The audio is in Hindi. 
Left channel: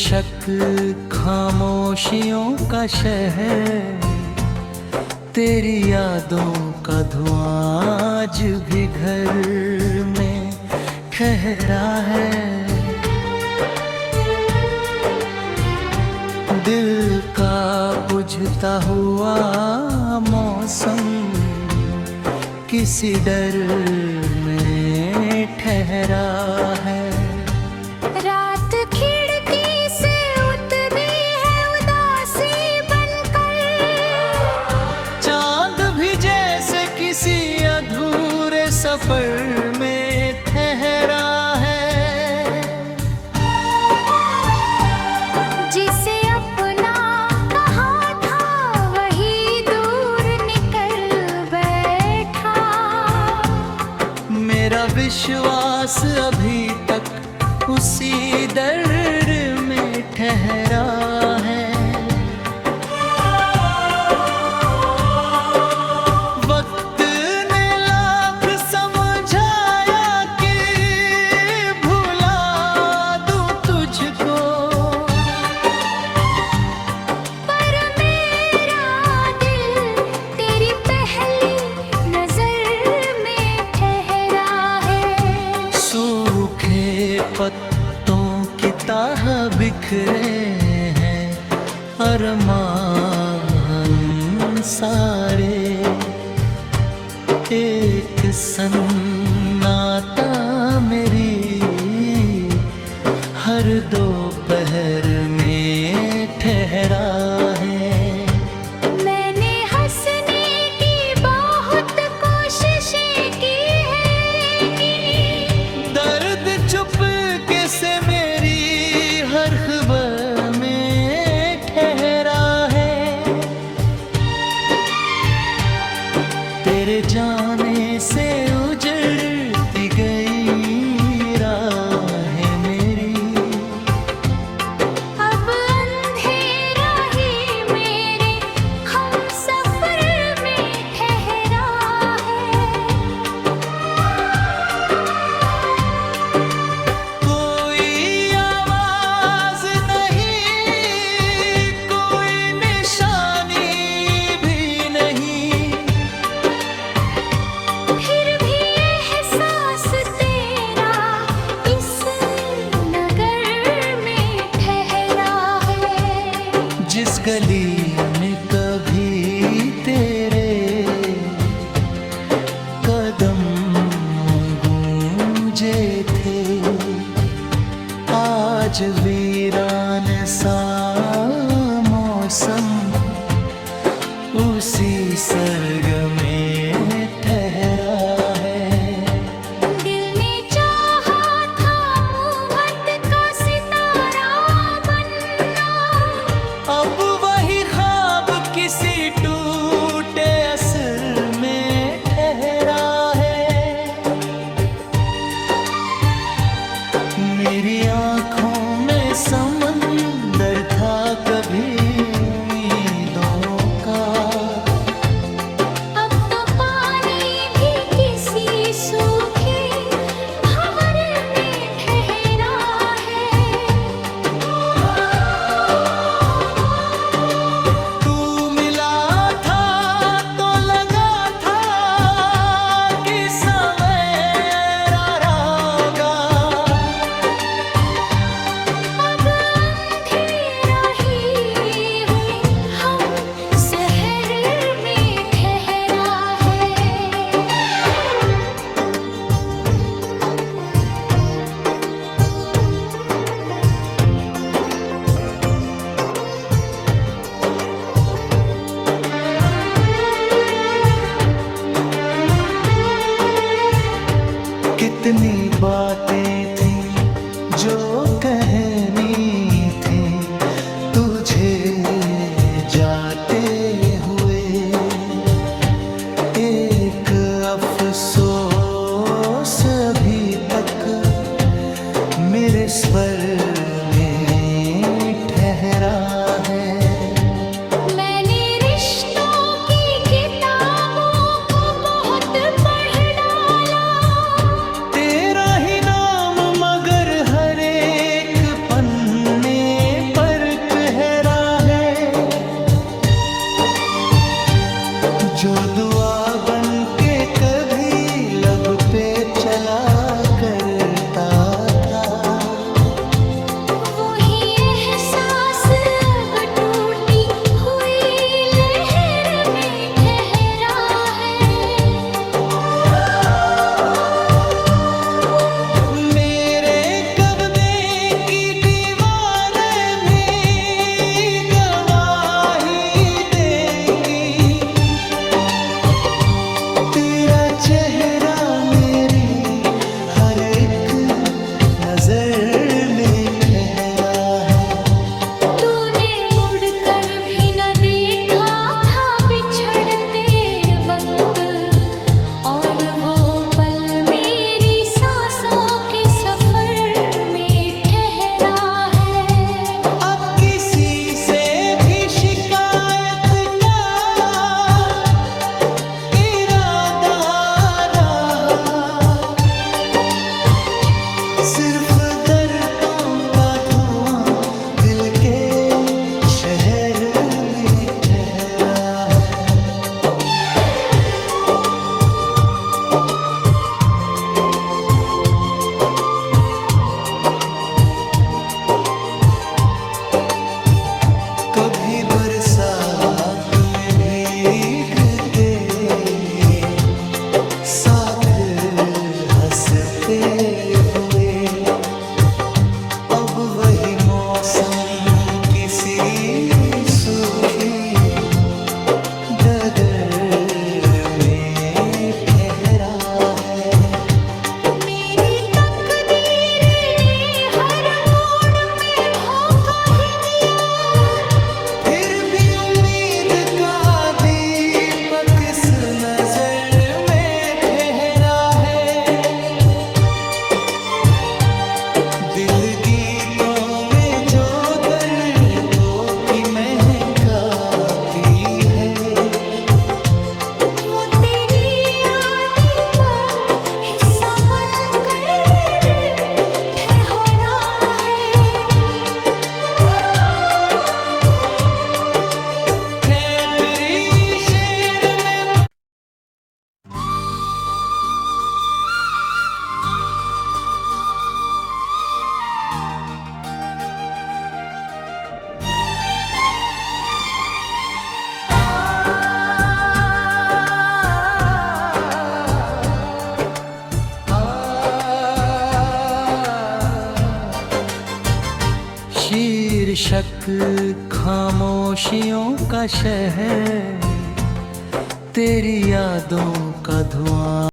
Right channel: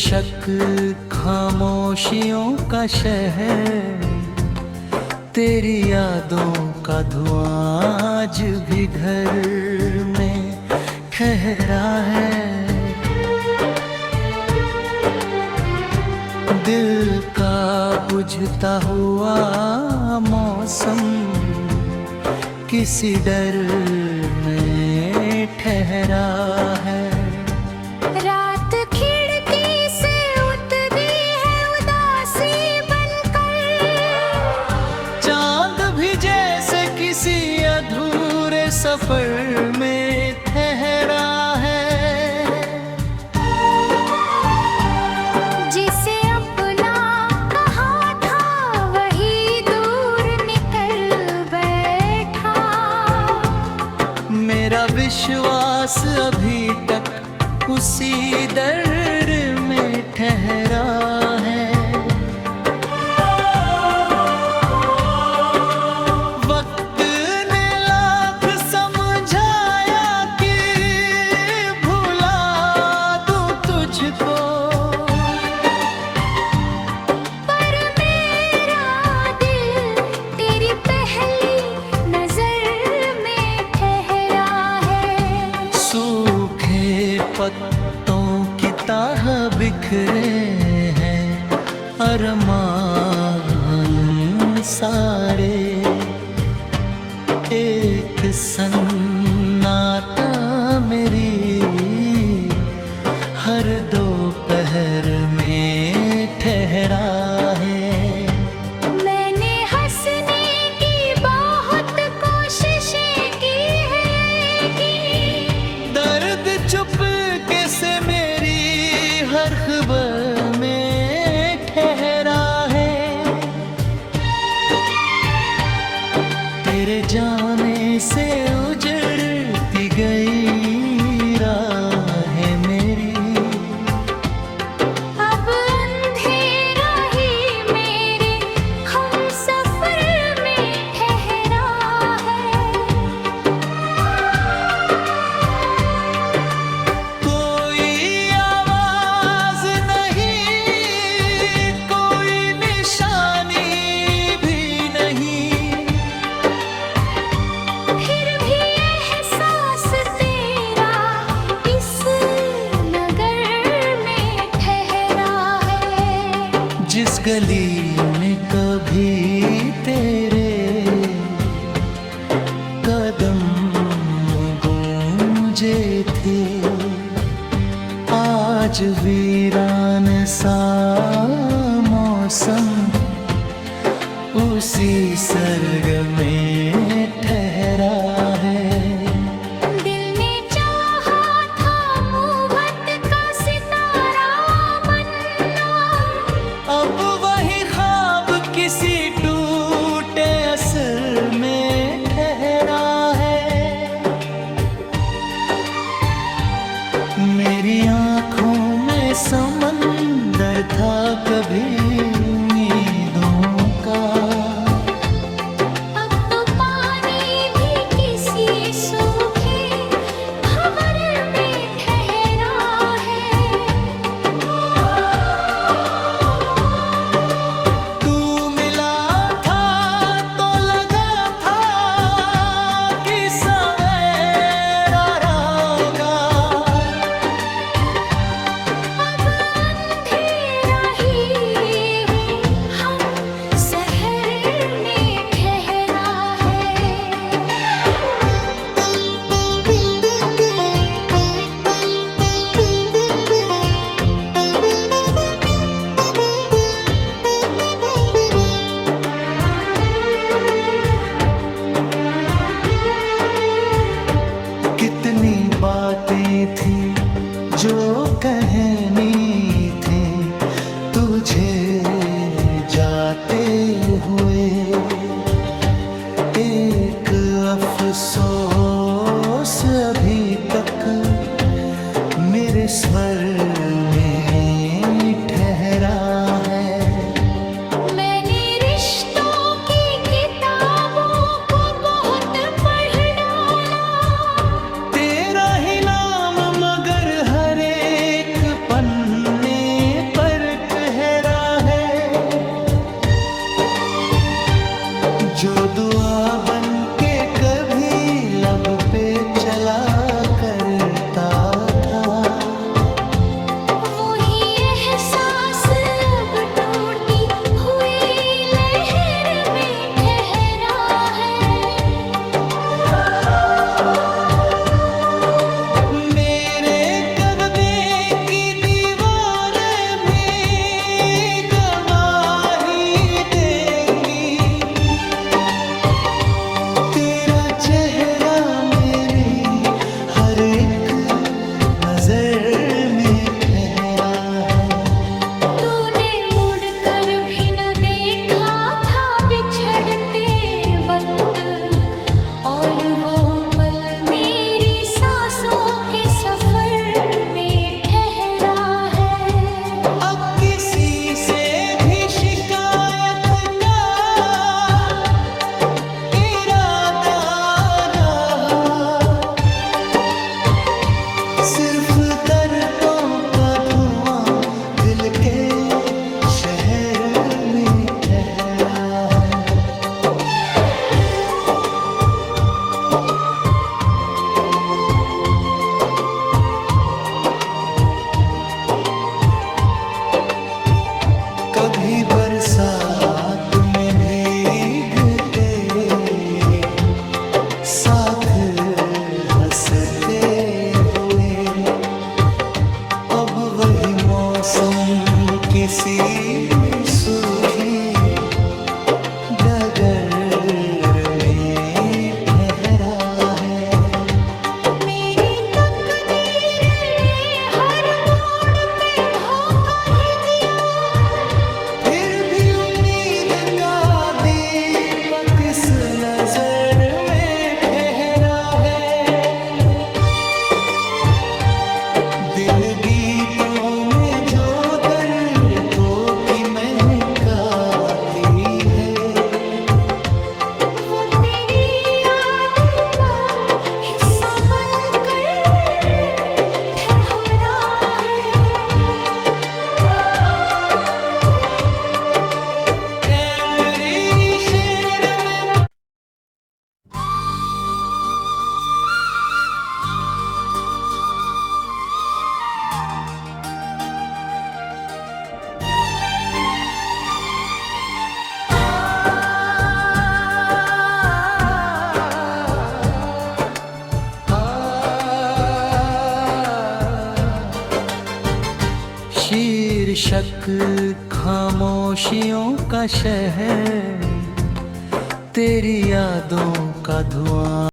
बेशक खामोशियों का शहर, तेरी यादों का धुआं आज भी घर में ठहरा है। दिल का बुझता हुआ मौसम किसी डर में ठहरा है। रात खिड़की से उतरी है उदासी बनकर, चांद भी जैसे किसी अधूरे सफर में ठहरा है। जिसे अपना कहा था वही दूर निकल बैठा। मेरा विश्वास अभी तक उसी दर्द में ठहरा है। वक्त ने लाख समझाया कि भुला दूं तुझको, पर मेरा दिल तेरी पहली नजर में ठहरा है। सूखे पत्तों की तरह बिखरे हैं अरमान सारे। एक सन्नाटा मेरी हर दोपहर में ठहरा है। मैंने हंसने की बहुत कोशिशें की है कि दर्द चुपके से मेरी हर खबर में ठहरा है। तेरे जाने से उजड़ती गई राहें मेरी, अब अंधेरा ही मेरे हम सफर में ठहरा है। कोई आवाज नहीं, कोई निशानी भी नहीं, फिर भी एहसास तेरा इस नगर में ठहरा है। जिस गली में कभी तेरे कदम गूंजे थे, आज वीरान सा मौसम उसी सर्ग में ठहरा है। दिल ने चाहा था मोहब्बत का सितारा बनना, अब वही ख्वाब किसी टूटे असर में ठहरा है। मेरी आँखों में समंदर था कभी उम्मीदों का, अब तो पानी भी किसी सूखे भंवर में ठहरा है। तू मिला था तो लगा था कि सवेरा होगा, अब अंधेरा ही हम शहर में ठहरा है। कितनी बातें थी जो कहनी थी तुझे जाते हुए, एक अफसोस अभी तक मेरे स्वर में ठहरा है। मैंने रिश्तों की किताबों को बहुत पढ़ डाला, तेरा ही नाम मगर हर एक पन्ने जो दुआ बन के कभी लब पे चला करता था, वही एहसास अब टूटी हुई लहर में ठहरा है। मेरे कब्ज़े की दीवारें भी गवाही देंगी, तेरा चेहरा मेरी हर एक नजर में ठहरा है। तूने मुड़कर भी न देखा था बिछड़ते वक्त, और वो पल मेरी सांसों के सफर में ठहरा है। अब किसी से भी शिकायत का इरादा रहा, सिर्फ दर्दों का धुआं दिल के शहर में ठहरा है। कभी बरसात में भीगते, साथ हंसते हुए, अब वही मौसम किसी सूखी डगर में ठहरा है। मेरी तकदीर ने हर मोड़ पे धोखा ही दिया, फिर भी उम्मीद का दीपक इस नजर में ठहरा है। दिल गीतों में जो दर्द को की महकाती है, वो तेरी यादें पर हिस्सा बनकर ठहरा है। कैबरी शेर में शीर्षक खामोशियों का शहर, तेरी यादों का धुआं।